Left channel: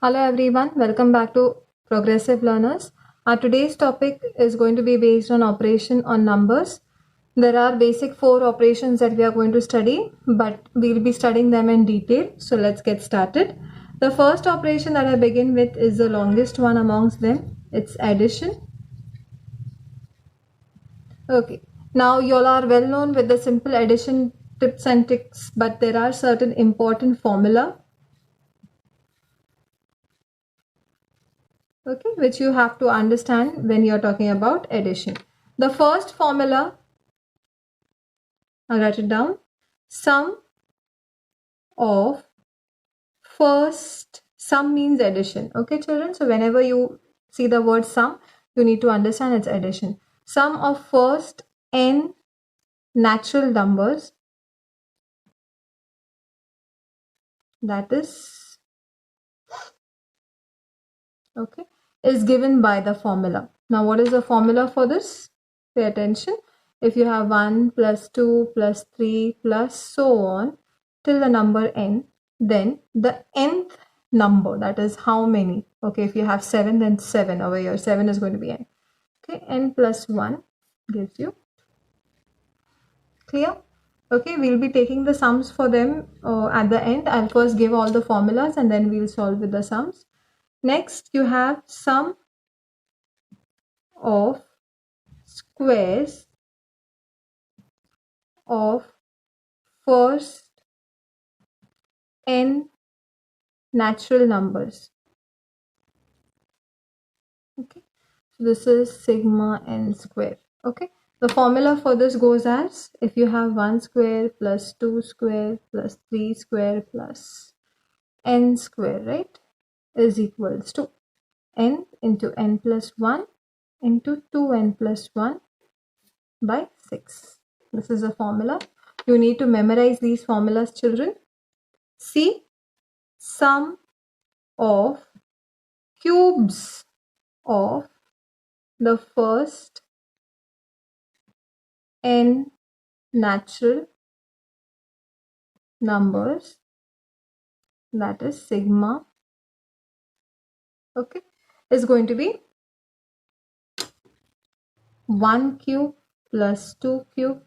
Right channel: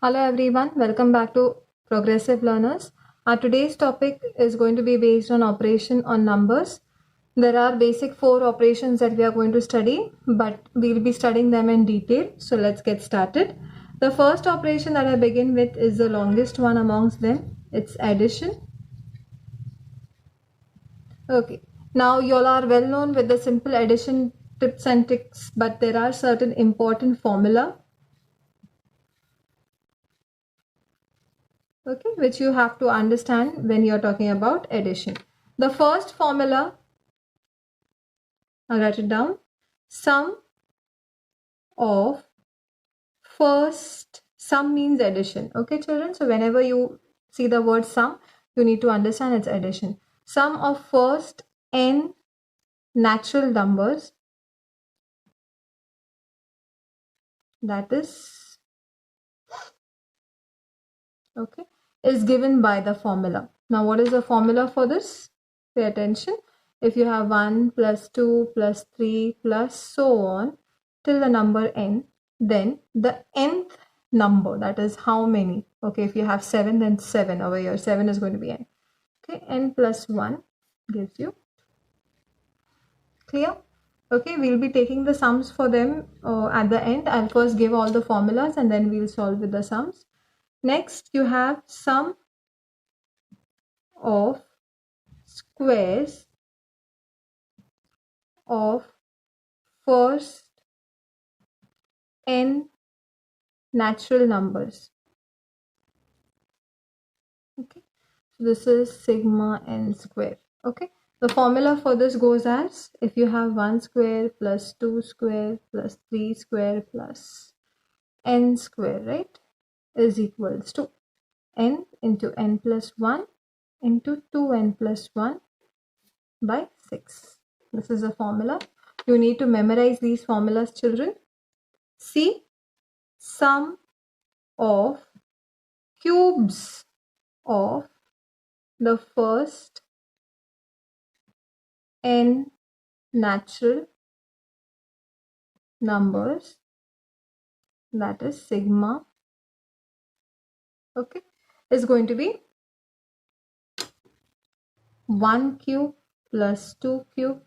Hello everyone, welcome back to Progressive Learners. Our today's topic is going to be based on operation on numbers. There are basic 4 operations that we are going to study, but we'll be studying them in detail. So let's get started. The first operation that I begin with is the longest one amongst them. It's addition. Okay. Now you all are well known with the simple addition tips and tricks, but there are certain important formula, okay, which you have to understand when you're talking about addition. The first formula, I'll write it down, sum of first, sum means addition, okay children? So whenever you see the word sum, you need to understand it's addition. Sum of first n natural numbers, that is, okay, is given by the formula. Now what is the formula for this? Pay attention. If you have 1 plus 2 plus 3 plus so on till the number n, then the nth number, that is how many, okay, if you have 7, then 7 over here, 7 is going to be n, okay, n plus 1 gives you, clear? Okay, we'll be taking the sums for them at the end. I'll first give all the formulas and then we'll solve with the sums. Next, you have sum of squares of first n natural numbers. Okay, so this is sigma n square. Okay, the formula for this goes as, if you have 1 square plus 2 square plus 3 square plus n square, right, is equals to n into n plus 1 into 2n plus 1 by 6. This is the formula. You need to memorize these formulas, children. See, sum of cubes of the first n natural numbers, that is sigma, okay, is going to be 1 cube plus 2 cube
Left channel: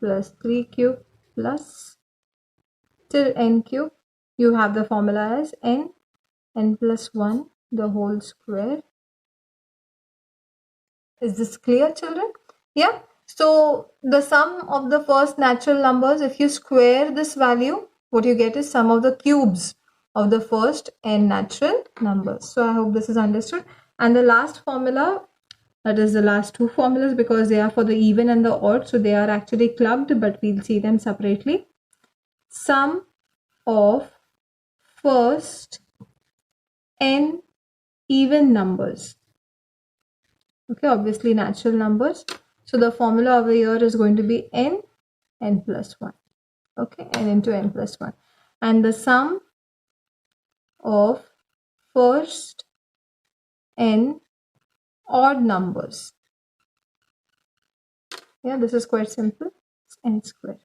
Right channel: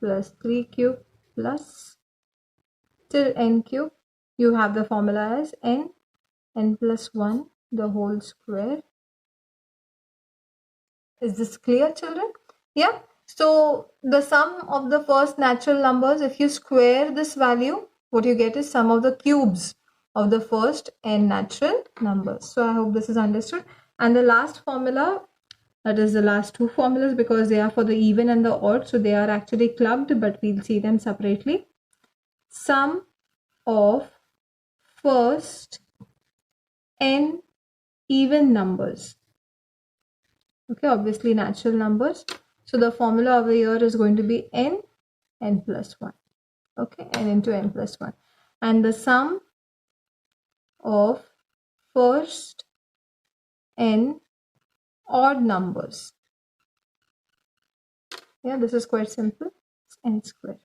plus 3 cube plus till n cube. You have the formula as n plus 1 the whole square. Is this clear, children? Yeah. So the sum of the first natural numbers, if you square this value, what you get is sum of the cubes of the first n natural numbers. So I hope this is understood. And the last formula, that is the last two formulas, because they are for the even and the odd, so they are actually clubbed, but we'll see them separately. Sum of first n even numbers. Okay, obviously natural numbers. So the formula over here is going to be n plus 1. Okay, n into n plus 1. And the sum of first n odd numbers. Yeah, this is quite simple. It's n square.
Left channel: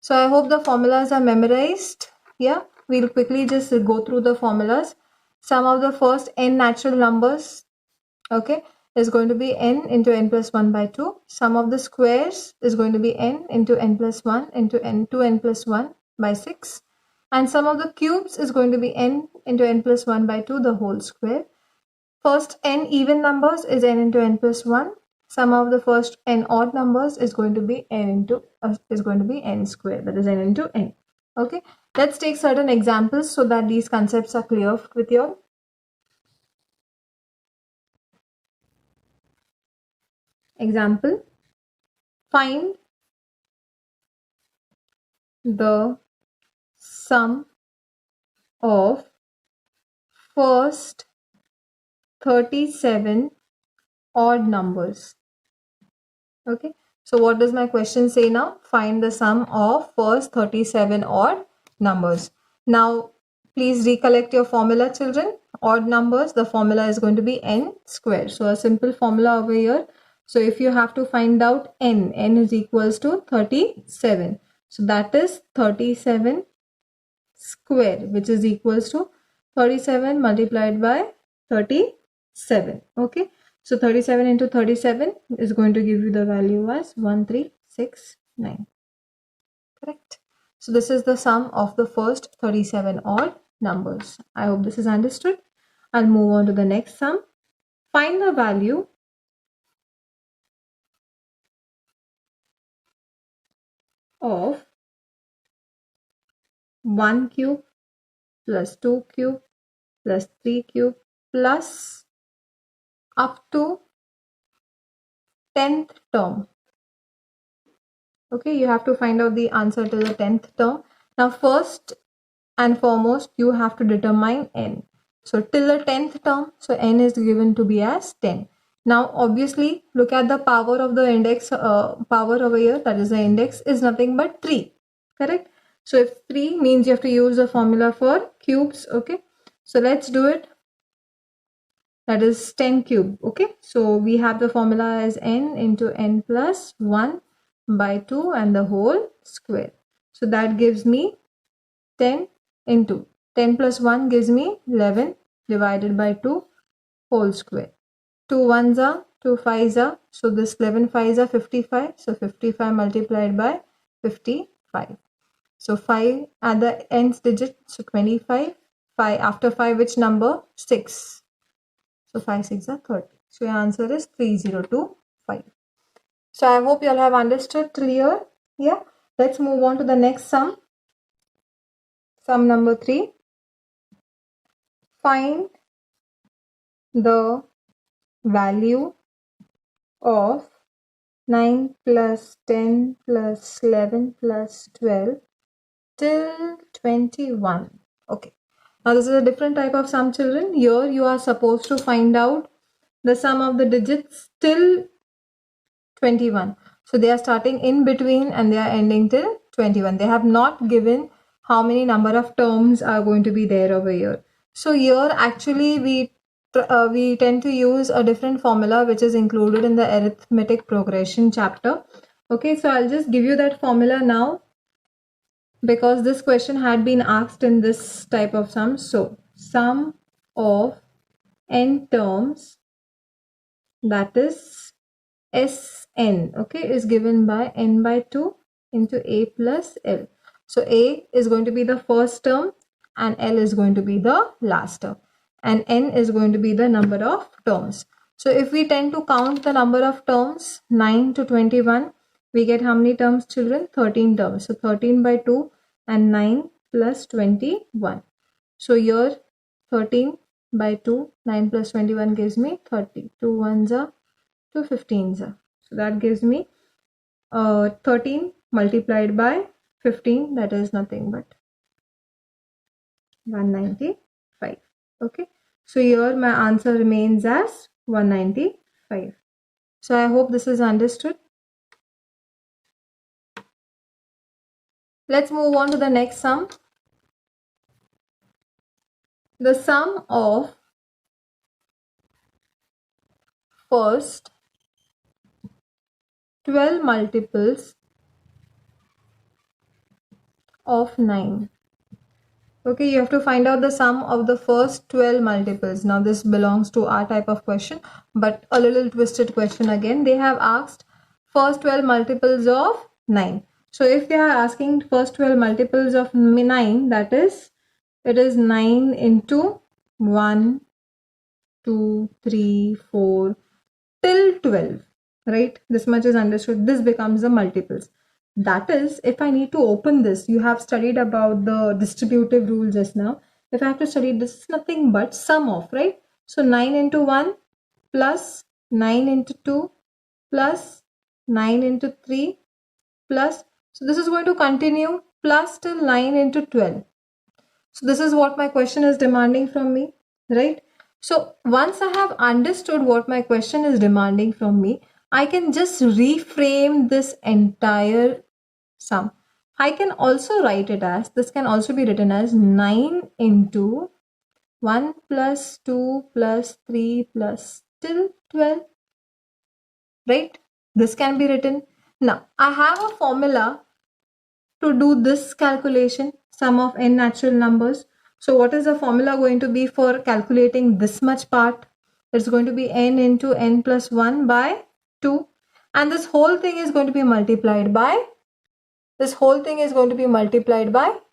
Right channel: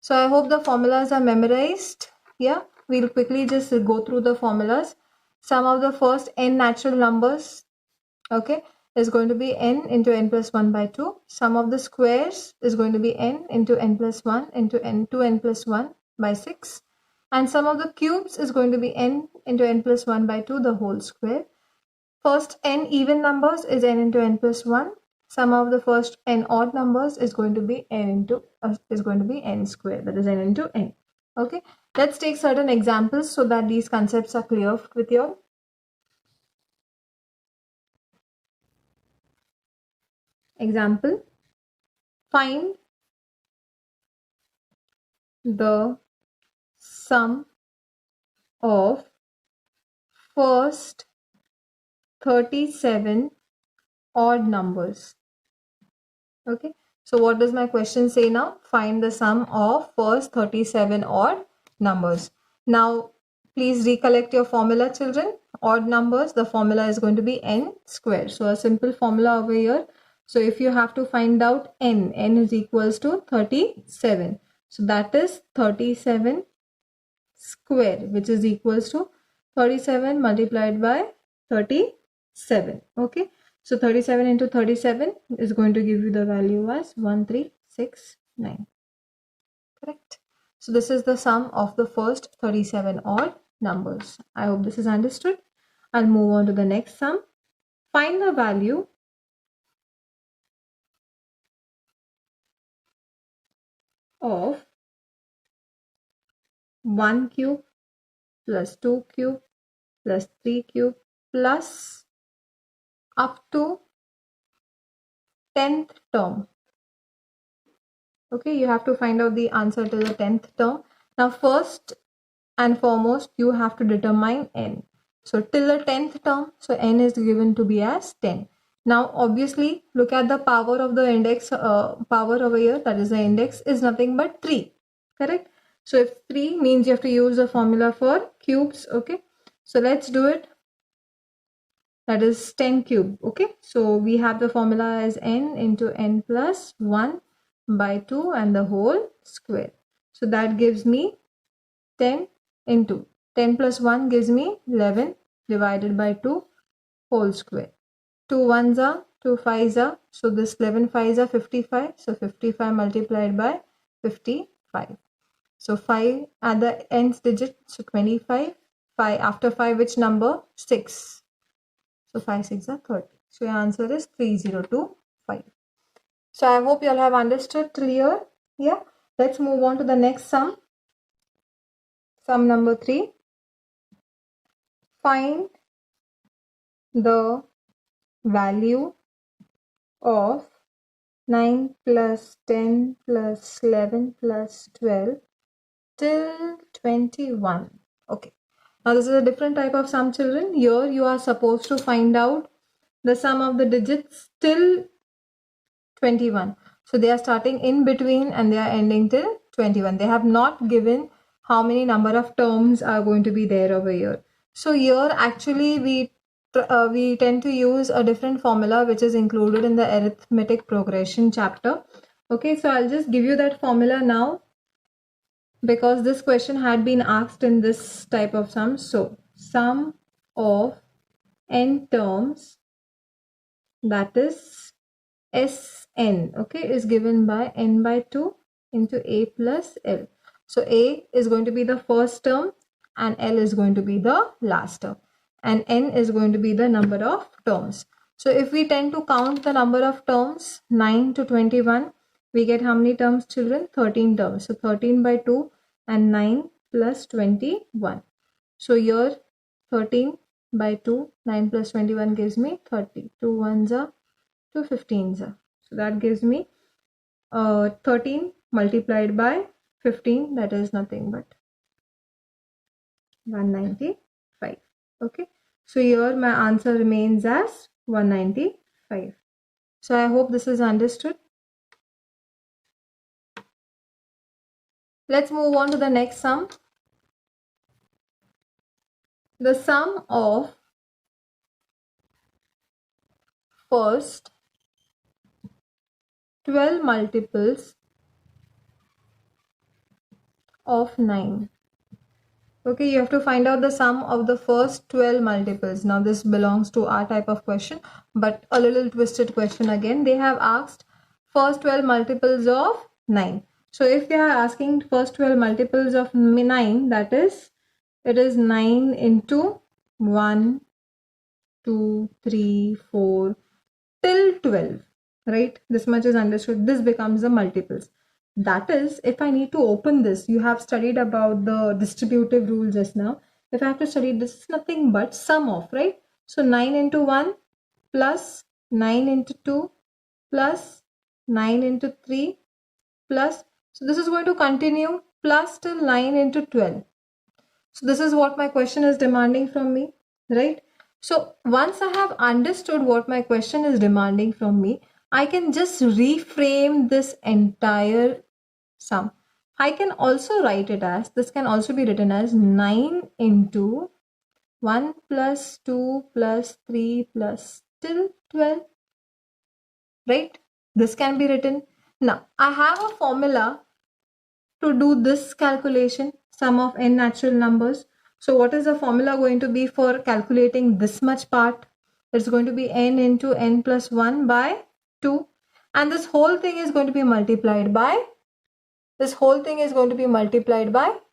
So I hope the formulas are memorized. Yeah, we'll quickly just go through the formulas. Sum of the first n natural numbers, okay, is going to be n into n plus 1 by 2. Sum of the squares is going to be n into n plus 1 into n to n plus 1 by 6. And sum of the cubes is going to be n into n plus 1 by 2 the whole square. First n even numbers is n into n plus 1. Sum of the first n odd numbers is going to be n square, that is n into n. Okay, let's take certain examples so that these concepts are clear with you all. Example, find the sum of first 37 odd numbers. Okay, so what does my question say now? Find the sum of first 37 odd numbers. Now, please recollect your formula, children. Odd numbers, the formula is going to be n square. So a simple formula over here. So if you have to find out n is equals to 37. So that is 37 square, which is equals to 37 multiplied by 37. Okay, so 37 into 37 is going to give you the value as 1369. Correct. So this is the sum of the first 37 odd numbers. I hope this is understood. I'll move on to the next sum. Find the value of 1 cube plus 2 cube plus 3 cube plus up to 10th term. Okay, you have to find out the answer to the 10th term. Now first and foremost, you have to determine n. So till the 10th term, so n is given to be as 10. Now obviously look at the power of the index, power over here, that is the index, is nothing but 3. Correct? So if 3 means you have to use the formula for cubes. Okay, so let's do it. That is 10 cube. Okay, so we have the formula as n into n plus 1 by 2 and the whole square. So that gives me 10 into 10 plus 1 gives me 11 divided by 2 whole square. 2 ones are 2 fives are, so this 11 fives are 55, so 55 multiplied by 55. So 5 at the nth digit, so 25. 5 after 5, which number? 6. So 5 6 are 30. So your answer is 3025. So I hope you all have understood till here. Yeah. Let's move on to the next sum. Sum number 3. Find the value of 9 plus 10 plus 11 plus 12 till 21. Okay. Now this is a different type of sum, children. Here you are supposed to find out the sum of the digits till 21. So they are starting in between and they are ending till 21. They have not given how many number of terms are going to be there over here. So here actually we tend to use a different formula which is included in the arithmetic progression chapter. Okay, so I'll just give you that formula now because this question had been asked in this type of sum. So sum of n terms, that is Sn, okay, is given by n by 2 into a plus l. So a is going to be the first term and l is going to be the last term and n is going to be the number of terms. So if we tend to count the number of terms 9 to 21, we get how many terms, children? 13 terms. So 13 by 2 and 9 plus 21. So here 13 by 2, 9 plus 21 gives me 30. 2 ones are 2 15s are. So that gives me 13 multiplied by 15, that is nothing but 195. Okay, so here my answer remains as 195. So I hope this is understood. Let's move on to the next sum. The sum of first 12 multiples of 9. Okay, you have to find out the sum of the first 12 multiples. Now this belongs to our type of question, but a little twisted question again. They have asked first 12 multiples of 9. So if they are asking first 12 multiples of 9, that is, it is 9 into 1, 2, 3, 4 till 12, right? This much is understood. This becomes the multiples. That is, if I need to open this, you have studied about the distributive rule just now. If I have to study this, is nothing but sum of, right? So 9 into 1 plus 9 into 2 plus 9 into 3 plus, so this is going to continue plus till 9 into 12. So this is what my question is demanding from me, right? So once I have understood what my question is demanding from me, I can just reframe this entire sum. I can also write it as, this can also be written as 9 into 1 plus 2 plus 3 plus till 12, right? This can be written. Now, I have a formula to do this calculation, sum of n natural numbers. So what is the formula going to be for calculating this much part? It's going to be n into n plus 1 by 2. And this whole thing is going to be multiplied by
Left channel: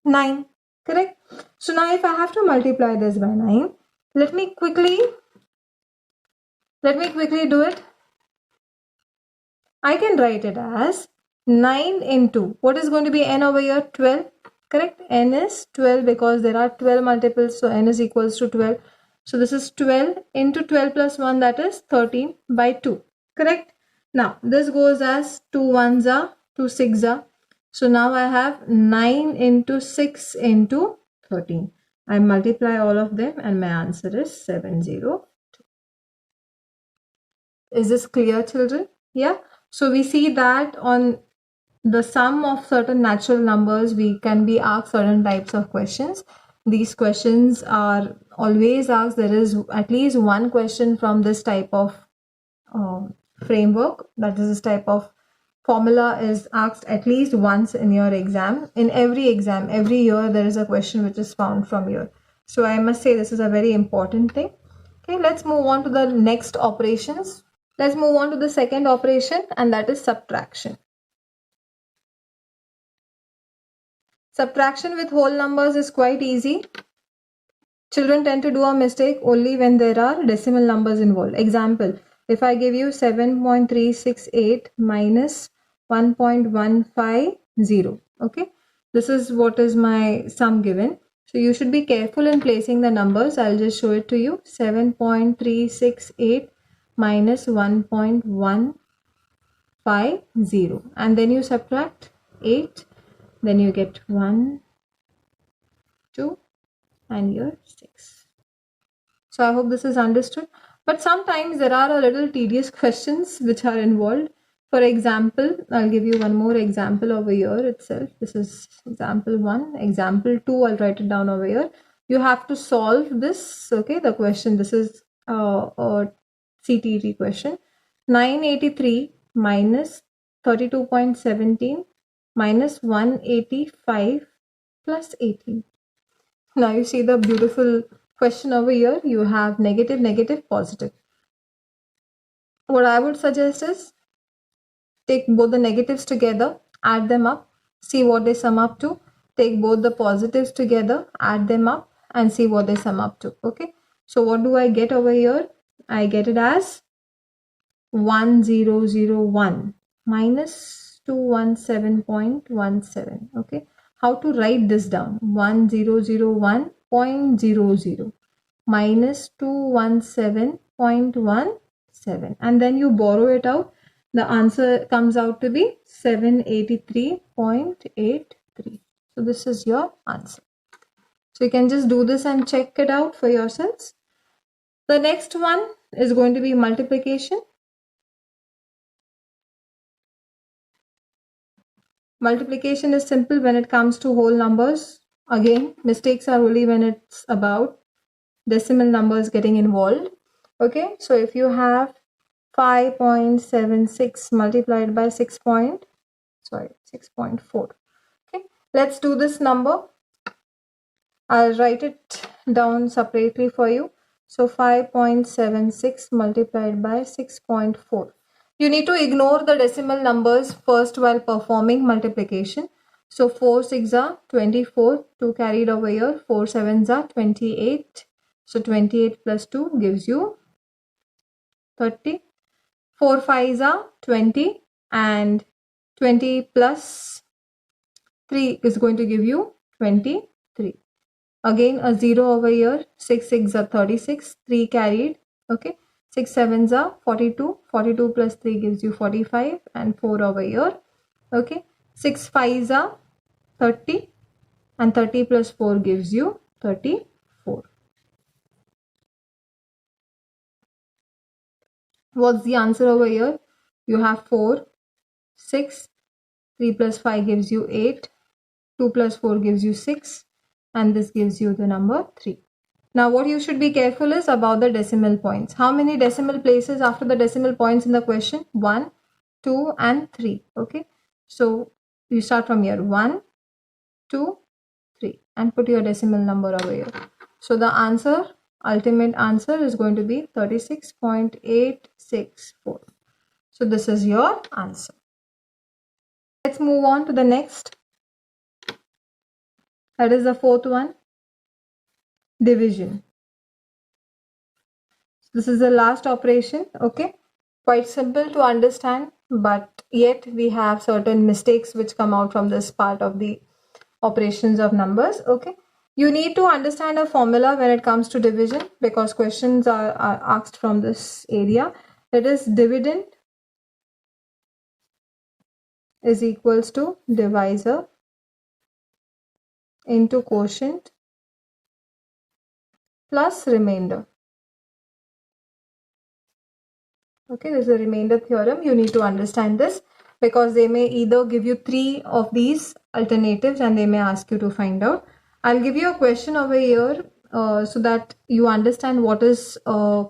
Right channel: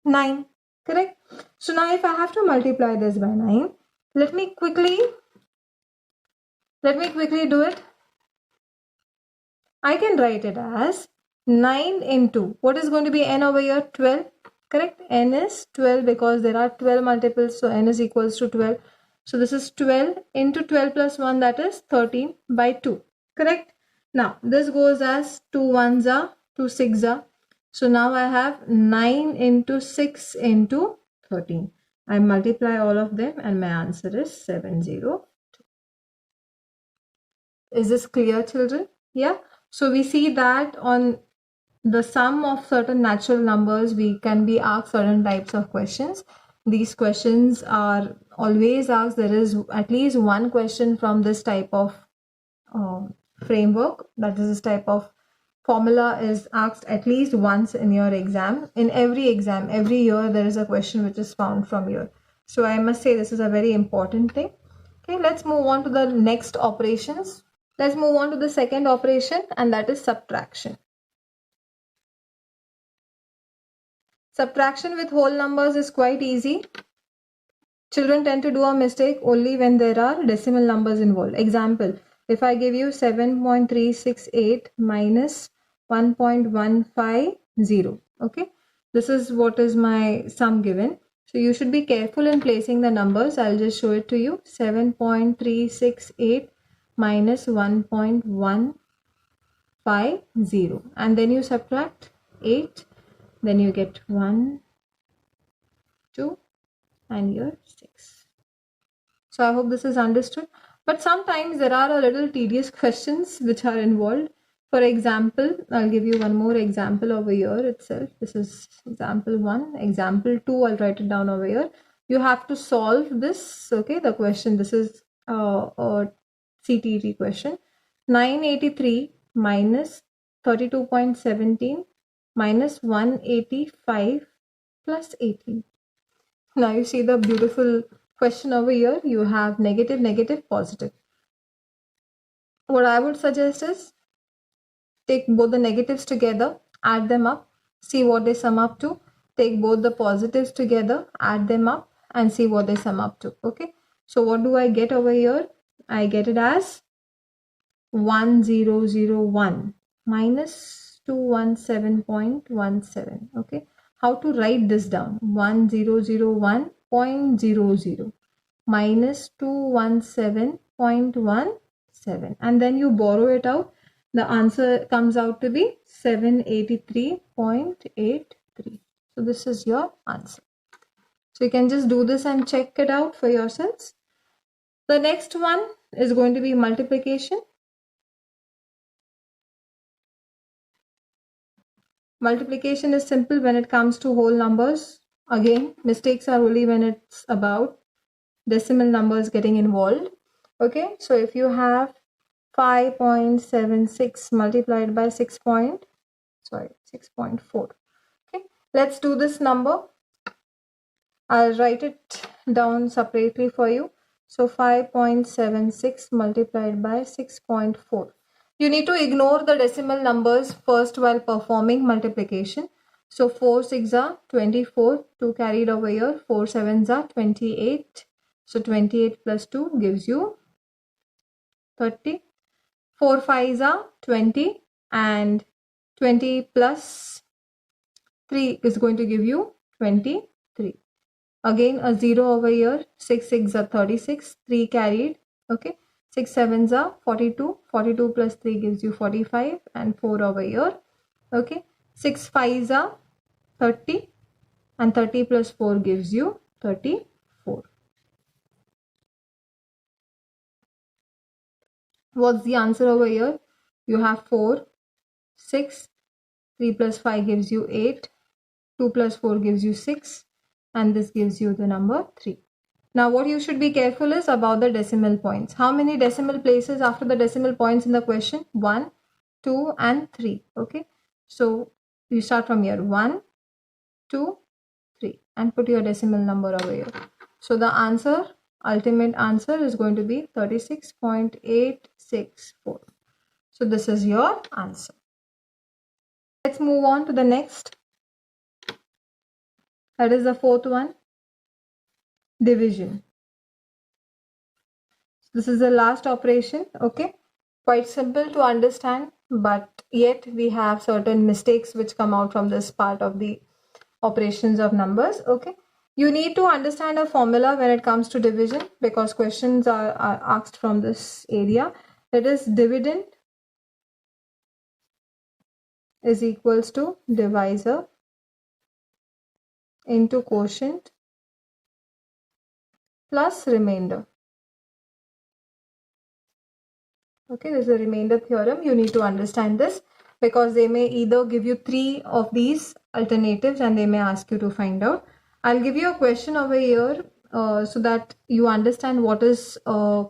9. Correct? So now if I have to multiply this by 9, let me quickly do it. I can write it as 9 into, what is going to be n over here? 12. Correct? N is 12 because there are 12 multiples, so n is equals to 12. So this is 12 into 12 plus 1, that is 13 by 2. Correct? Now this goes as 2 ones are, 2 6 are. So now I have 9 into 6 into 13. I multiply all of them and my answer is 702. Is this clear, children? Yeah. So we see that on the sum of certain natural numbers, we can be asked certain types of questions. These questions are always asked. There is at least one question from this type of framework, that is this type of formula is asked at least once in your exam. In every exam, every year, there is a question which is found from here. So I must say this is a very important thing. Okay, let's move on to the next operations. Let's move on to the second operation, and that is subtraction. Subtraction with whole numbers is quite easy. Children tend to do a mistake only when there are decimal numbers involved. Example, if I give you 7.368 minus 1.150, okay, this is what is my sum given. So you should be careful in placing the numbers. I'll just show it to you. 7.368 minus 1.150, and then you subtract 8, then you get 1, 2, and here 6. So I hope this is understood. But sometimes there are a little tedious questions which are involved. For example, I'll give you one more example over here itself. This is example 1. Example 2, I'll write it down over here. You have to solve this, okay, the question. This is a CTET question. 983 minus 32.17 minus 185 plus 18. Now you see the beautiful question over here. You have negative, negative, positive. What I would suggest is take both the negatives together, add them up, see what they sum up to. Take both the positives together, add them up, and see what they sum up to. Okay. So what do I get over here? I get it as 1001 minus 217.17. Okay. How to write this down? 1001.00 minus 217.17, and then you borrow it out. The answer comes out to be 783.83. So this is your answer. So you can just do this and check it out for yourselves. The next one is going to be multiplication. Multiplication is simple when it comes to whole numbers. Again, mistakes are only when it's about decimal numbers getting involved. Okay, so if you have 5.76 multiplied by 6.4. Okay, let's do this number. I'll write it down separately for you. So 5.76 multiplied by 6.4. You need to ignore the decimal numbers first while performing multiplication. So 4 6 are 24, 2 carried over here, 4 7s are 28. So 28 plus 2 gives you 30. 4 5s are 20, and 20 plus 3 is going to give you 23. Again a 0 over here. 6 6 are 36, 3 carried. Okay, 6 7s are 42, 42 plus 3 gives you 45, and 4 over here. Okay, 6 5s are 30, and 30 plus 4 gives you 34. What's the answer over here? You have 4, 6, 3 plus 5 gives you 8, 2 plus 4 gives you 6, and this gives you the number 3. Now what you should be careful is about the decimal points. How many decimal places after the decimal points in the question? 1, 2, and 3. Okay, so you start from here. 1, 2, 3 and put your decimal number over here. So the answer, ultimate answer is going to be 36.864. So this is your answer. Let's move on to the next. That is the fourth one, division. This is the last operation, okay? Quite simple to understand, but yet we have certain mistakes which come out from this part of the operations of numbers, okay? You need to understand a formula when it comes to division because questions are asked from this area. That is, dividend is equals to divisor into quotient plus remainder. Okay, this is a remainder theorem. You need to understand this because they may either give you 3 of these alternatives and they may ask you to find out. I'll give you a question over here so that you understand what is a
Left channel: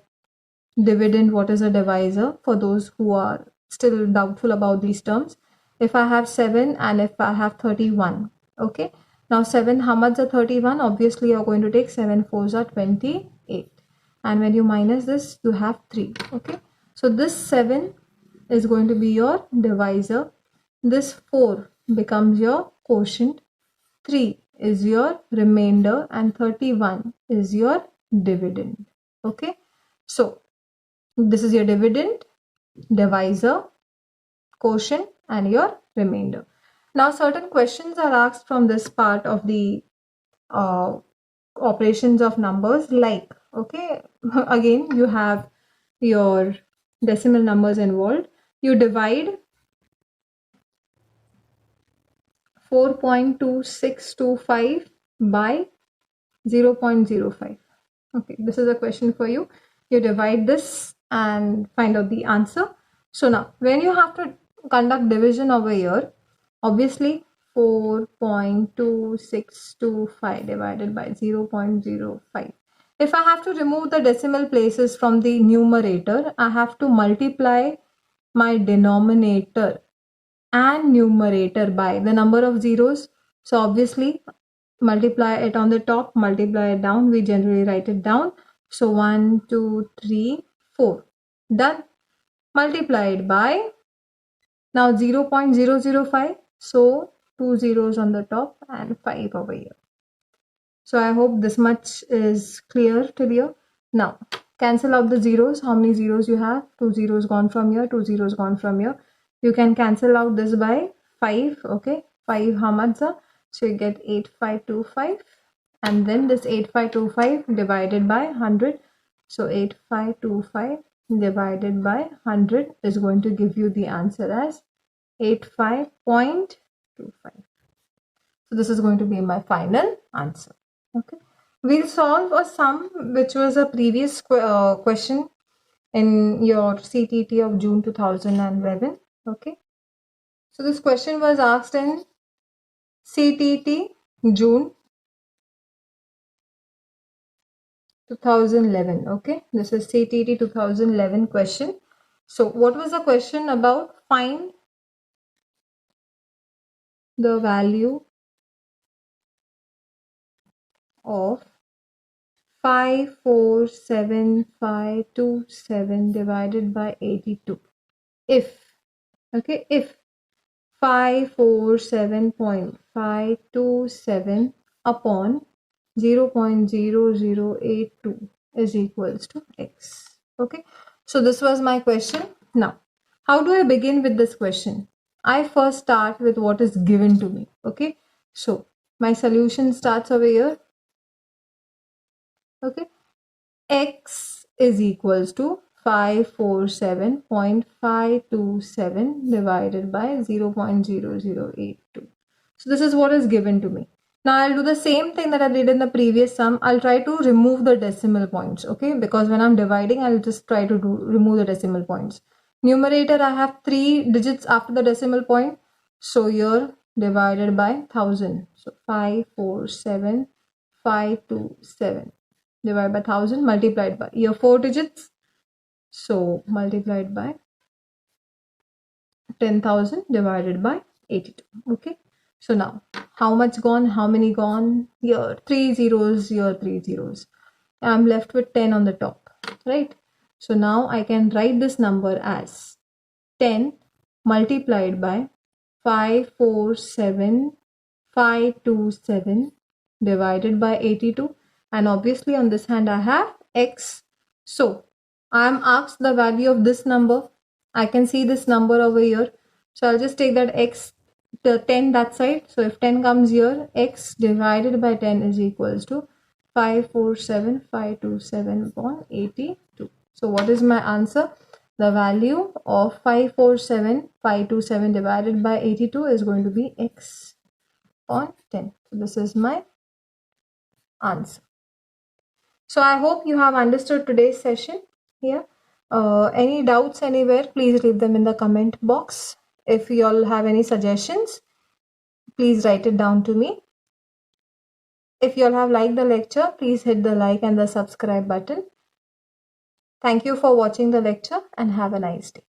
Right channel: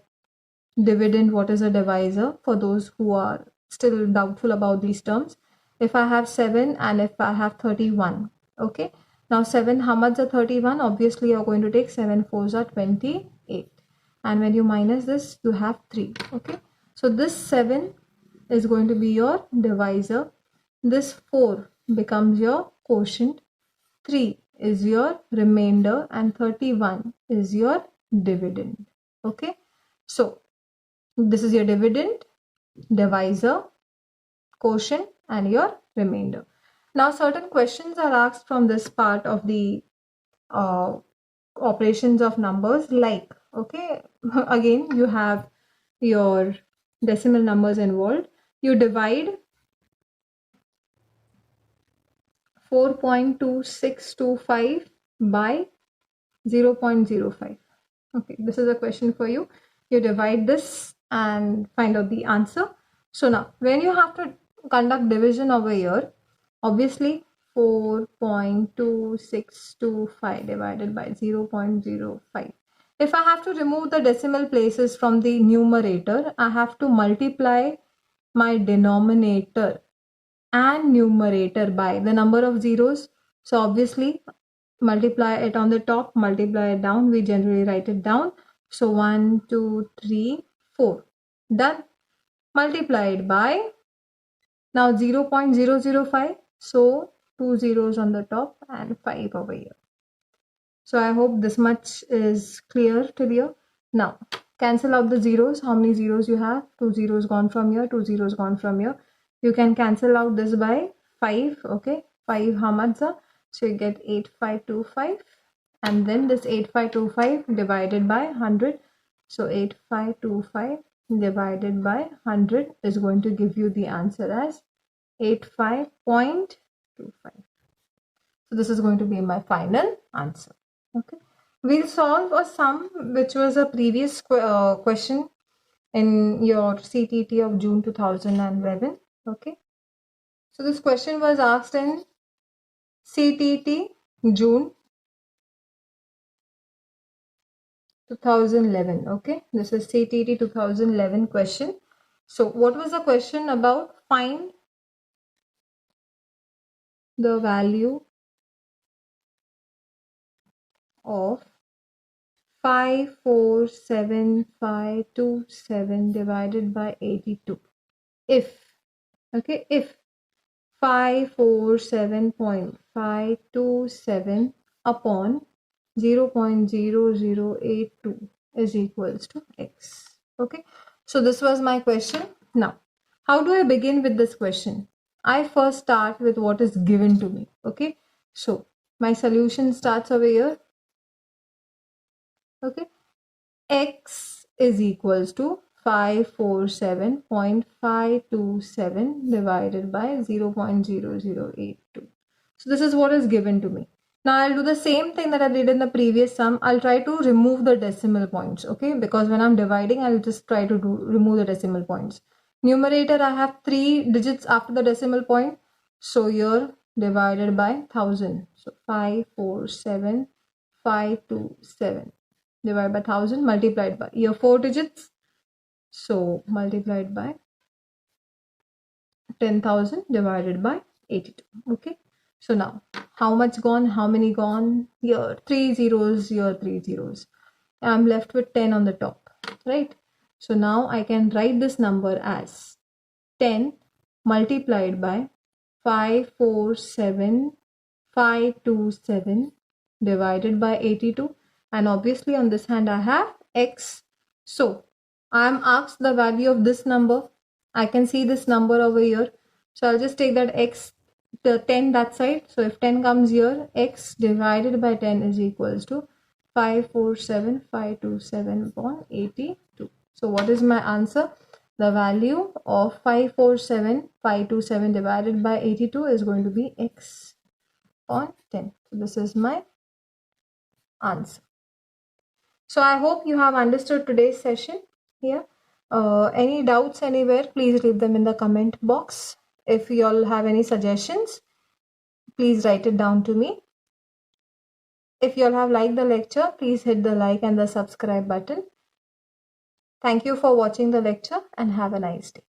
dividend, what is a divisor for those who are still doubtful about these terms. If I have 7 and if I have 31, okay. Now 7, how much are 31? Obviously you're going to take 7 4s are 28. And when you minus this, you have 3, okay. So this 7 is going to be your divisor. This 4 becomes your quotient. 3 is your remainder and 31 is your dividend. Okay. So this is your dividend, divisor, quotient and your remainder. Now certain questions are asked from this part of the operations of numbers like, okay, again you have your decimal numbers involved. You divide 4.2625 by 0.05. Okay, this is a question for you. You divide this and find out the answer. So now, when you have to conduct division over here, obviously 4.2625 divided by 0.05. If I have to remove the decimal places from the numerator, I have to multiply my denominator and numerator by the number of zeros. So obviously multiply it on the top, multiply it down. We generally write it down. So 1, 2, 3, 4. Done. Multiplied by now 0.005. So 2 zeros on the top and 5 over here. So I hope this much is clear to you. Now cancel out the zeros. How many zeros you have? 2 zeros gone from here, 2 zeros gone from here. You can cancel out this by 5. Okay, 5 how much? So you get 8525 and then this 8525 divided by 100. So 8525 divided by 100 is going to give you the answer as 85.25. So this is going to be my final answer. Okay, we'll solve a sum which was a previous question in your CTT of June 2011. Okay, so this question was asked in CTT June 2011. Okay, this is CTT 2011 question. So what was the question about? Find the value of 547527 divided by 82 if, okay, if 547.527 upon 0.0082 is equals to x. Okay, so this was my question. Now how do I begin with this question? I first start with what is given to me. Okay, so my solution starts over here. Okay, x is equals to 547.527 divided by 0.0082. So this is what is given to me. Now I'll do the same thing that I did in the previous sum. I'll try to remove the decimal points, okay? Because when I'm dividing, I'll just try to remove the decimal points. Numerator, I have 3 digits after the decimal point. So here divided by 1000. So 547,527 divided by 1000 multiplied by here 4 digits. So multiplied by 10,000 divided by 82. Okay. So now, how much gone? How many gone? Here, 3 zeros, here 3 zeros. I'm left with 10 on the top, right? So now I can write this number as 10 multiplied by 547,527 divided by 82, and obviously on this hand I have x. So I am asked the value of this number. I can see this number over here, so I'll just take that x, the 10 that side. So if 10 comes here, x divided by 10 is equals to 547,527 upon 82. So what is my answer? The value of 547,527 divided by 82 is going to be x upon 10. So this is my answer. So I hope you have understood today's session here. Any doubts anywhere, please leave them in the comment box. If you all have any suggestions, please write it down to me. If you all have liked the lecture, please hit the like and the subscribe button. Thank you for watching the lecture and have a nice day.